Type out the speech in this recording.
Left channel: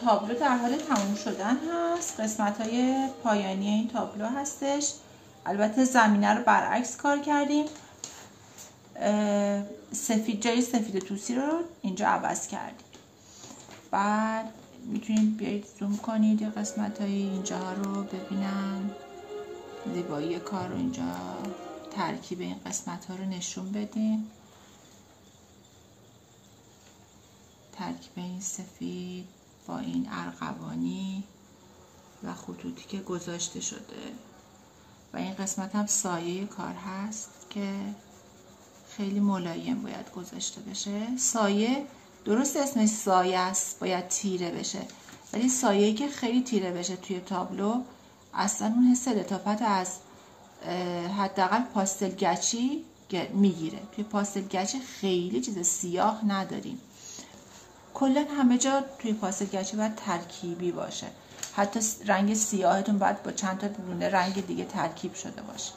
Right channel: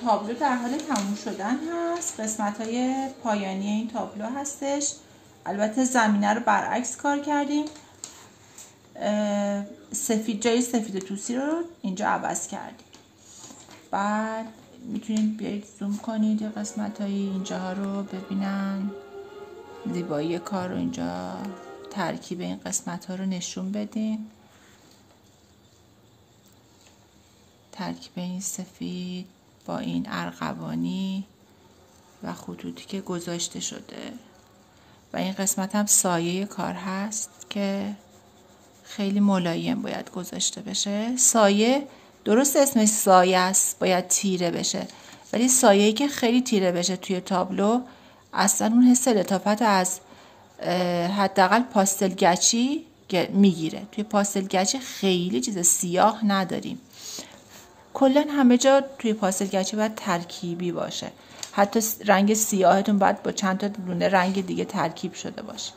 تابلو در حال تموم شدن هست. قسمت های پایانی این تابلو هستش. البته زمینه رو برعکس کار کردیم. سفید جای سفید توسی رو اینجا عوض کردیم. بعد میتونید بیایید زوم کنید یه قسمت های اینجا رو ببینن، زیبایی کار رو اینجا ترکیب این قسمت ها رو نشون بدیم. ترکیب این سفید با این ارغوانی و خطوطی که گذاشته شده و این قسمت هم سایه کار هست که خیلی ملایم باید گذاشته بشه. سایه درست اسمش سایه است، باید تیره بشه، ولی سایه‌ای که خیلی تیره بشه توی تابلو اصلا اون حس لطافت از حداقل پاستل گچی میگیره. توی پاستل گچی خیلی چیز سیاه نداریم، کلا همه جا توی پاستل گچی باید ترکیبی باشه. حتی رنگ سیاهتون باید با چند تا دونه رنگ دیگه ترکیب شده باشه.